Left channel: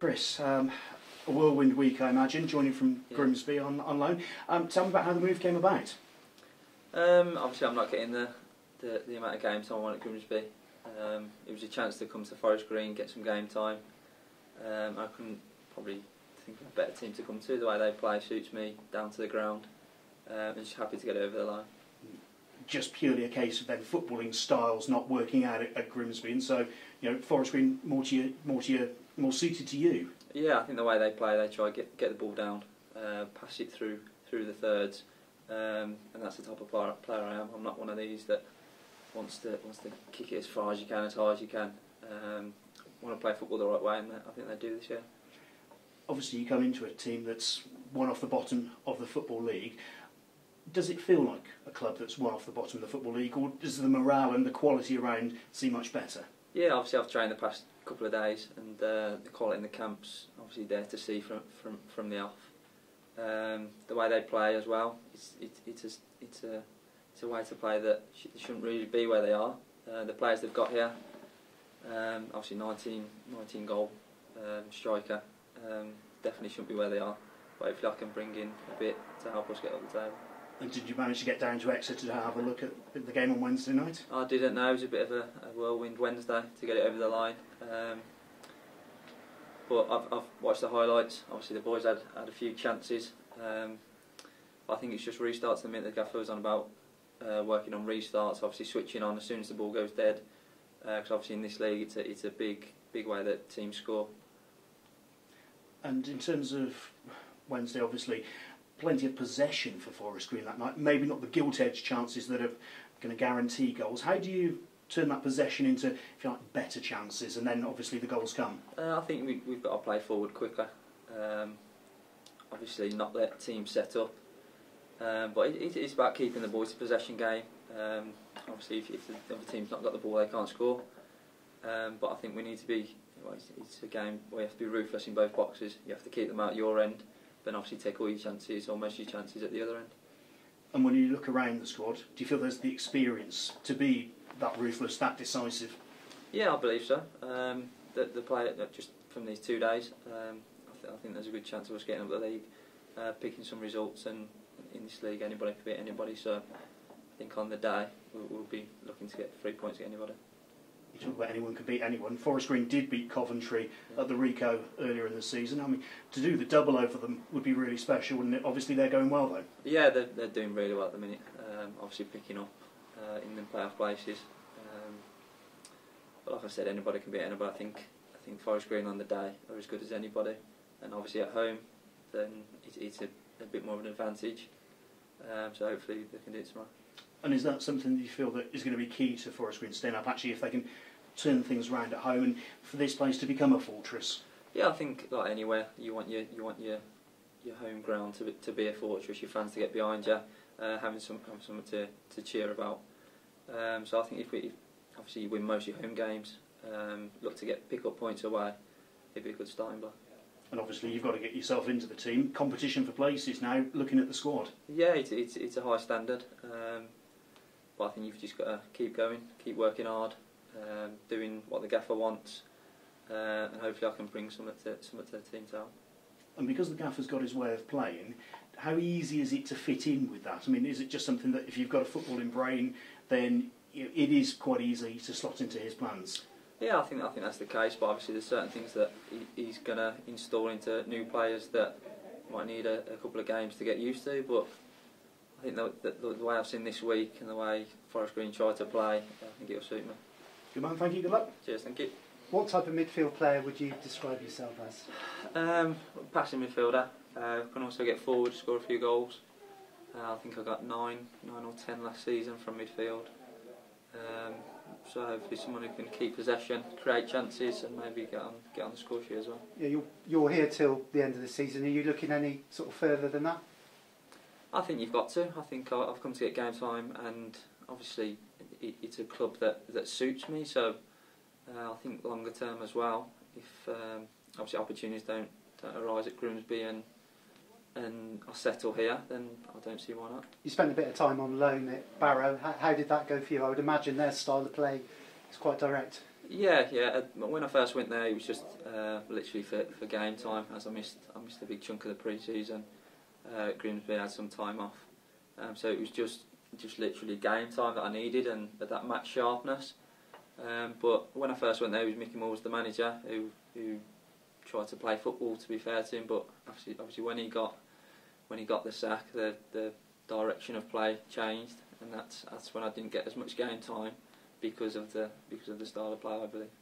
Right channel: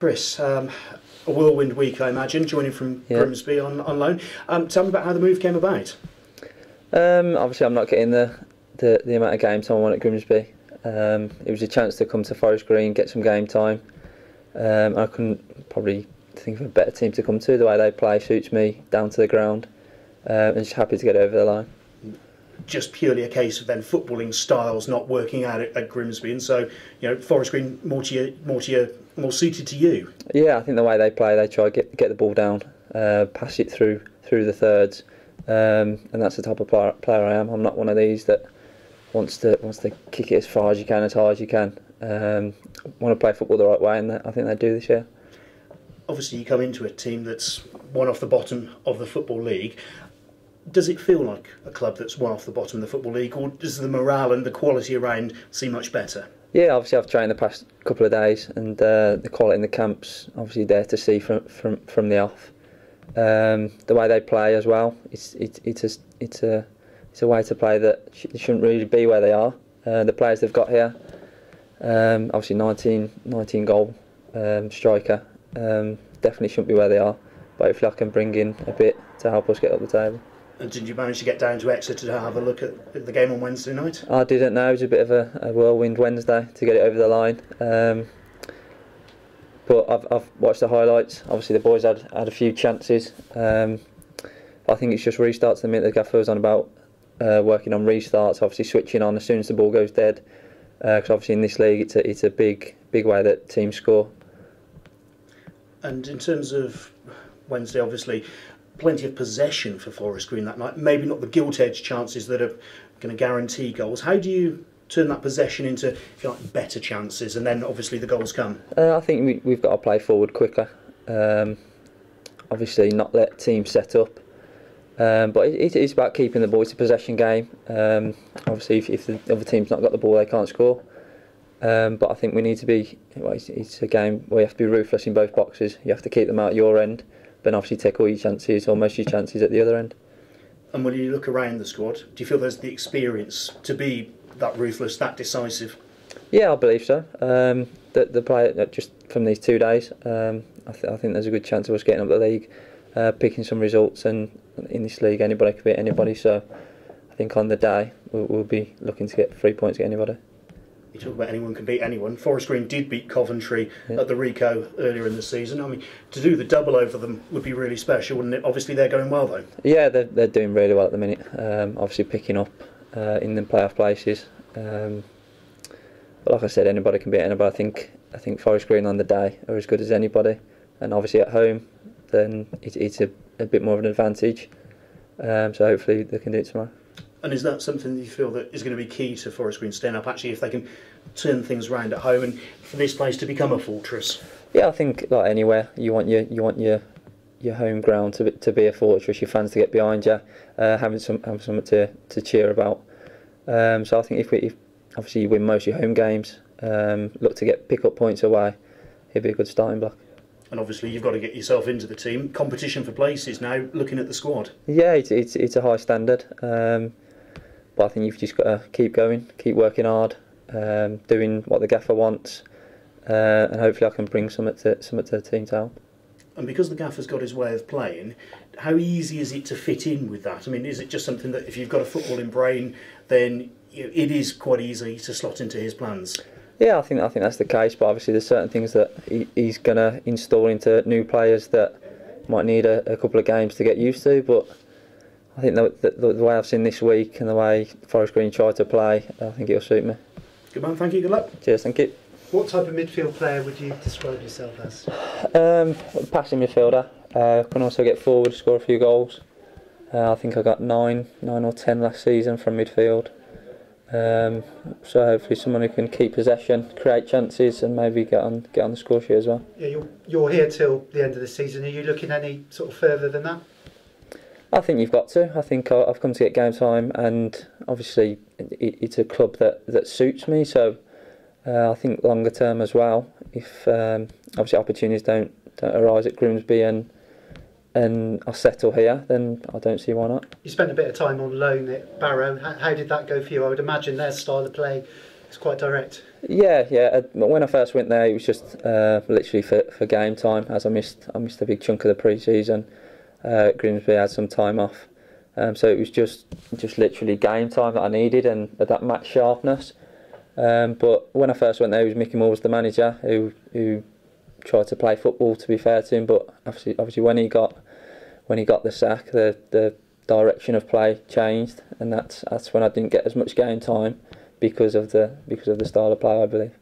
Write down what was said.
Chris, a whirlwind week, I imagine, joining from Grimsby on loan. Tell me about how the move came about. Obviously, I'm not getting the amount of game time I want at Grimsby. It was a chance to come to Forest Green, get some game time. I couldn't probably think of a better team to come to. The way they play suits me down to the ground, and just happy to get over the line. Just purely a case of then footballing styles not working out at Grimsby, and so Forest Green more suited to you. Yeah, I think the way they play, they try to get the ball down, pass it through the thirds, and that's the type of player I am. I'm not one of these that wants to kick it as far as you can, as hard as you can. Want to play football the right way, and I think they do this year. Obviously, you come into a team that's one off the bottom of the Football League. Does it feel like a club that's one off the bottom of the Football League, or does the morale and the quality around seem much better? Yeah, obviously I've trained the past couple of days, and the quality in the camp's obviously there to see from the off. The way they play as well, it's a way to play that shouldn't really be where they are. The players they've got here, obviously 19 goal striker, definitely shouldn't be where they are. But hopefully I can bring in a bit to help us get up the table. And did you manage to get down to Exeter to have a look at the game on Wednesday night? I didn't know. It was a bit of a whirlwind Wednesday to get it over the line. But I've watched the highlights. Obviously the boys had a few chances. I think it's just restarts. The minute the gaffer was on about working on restarts, obviously switching on as soon as the ball goes dead. Because obviously in this league it's a big way that teams score. And in terms of Wednesday, obviously, plenty of possession for Forest Green that night. Maybe not the gilt-edged chances that are going to guarantee goals. How do you turn that possession into, if you like, better chances, and then obviously the goals come? I think we've got to play forward quicker. Obviously, not let teams set up. But it's about keeping the boys to possession game. Obviously, if the other team's not got the ball, they can't score. But I think we need to be. Well, it's a game where you have to be ruthless in both boxes. You have to keep them out your end, but obviously take all your chances, or most of your chances, at the other end. And when you look around the squad, do you feel there's the experience to be that ruthless, that decisive? Yeah, I believe so. The player, just from these 2 days, I think there's a good chance of us getting up the league, picking some results, and in this league anybody can beat anybody, so I think on the day we'll be looking to get 3 points against anybody. You talk about anyone can beat anyone. Forest Green did beat Coventry at the Rico earlier in the season. I mean, to do the double over them would be really special, wouldn't it? Obviously, they're going well, though. Yeah, they're doing really well at the minute. Obviously, picking up in the playoff places. But like I said, anybody can beat anybody. I think Forest Green on the day are as good as anybody, and obviously at home, then it's a bit more of an advantage. So hopefully they can do it tomorrow. And is that something that you feel that is going to be key to Forest Green staying up, actually, if they can turn things around at home and for this place to become a fortress? Yeah, I think like anywhere, you want your home ground to be a fortress, your fans to get behind you, having something to cheer about. So I think if obviously you win most of your home games, look to pick up points away, it'd be a good starting block. And obviously you've got to get yourself into the team. Competition for places now, looking at the squad. Yeah, it's a high standard. But I think you've just got to keep going, keep working hard, doing what the gaffer wants, and hopefully I can bring something to the team to help. And because the gaffer's got his way of playing, how easy is it to fit in with that? I mean, is it just something that if you've got a footballing brain, then it is quite easy to slot into his plans? Yeah, I think that's the case. But obviously, there's certain things that he's going to install into new players that might need a couple of games to get used to. But I think the way I've seen this week and the way Forest Green try to play, I think it'll suit me. Good man, thank you, good luck. Cheers, thank you. What type of midfield player would you describe yourself as? Passing midfielder. Can also get forward, score a few goals. I think I got 9 or 10 last season from midfield. So hopefully someone who can keep possession, create chances, and maybe get on the score sheet as well. Yeah, you're here till the end of the season. Are you looking any sort of further than that? I think you've got to. I think I've come to get game time, and obviously it's a club that suits me. So I think longer term as well, if obviously opportunities don't arise at Grimsby and I settle here, then I don't see why not. You spent a bit of time on loan at Barrow. How did that go for you? I would imagine their style of play It's quite direct. Yeah. When I first went there, it was just literally for game time, as I missed a big chunk of the pre-season. Grimsby had some time off, so it was just literally game time that I needed and that match sharpness. But when I first went there, it was Mickey Moore was the manager who tried to play football, to be fair to him. But obviously when he got the sack, the direction of play changed, and that's when I didn't get as much game time because of the style of play, I believe.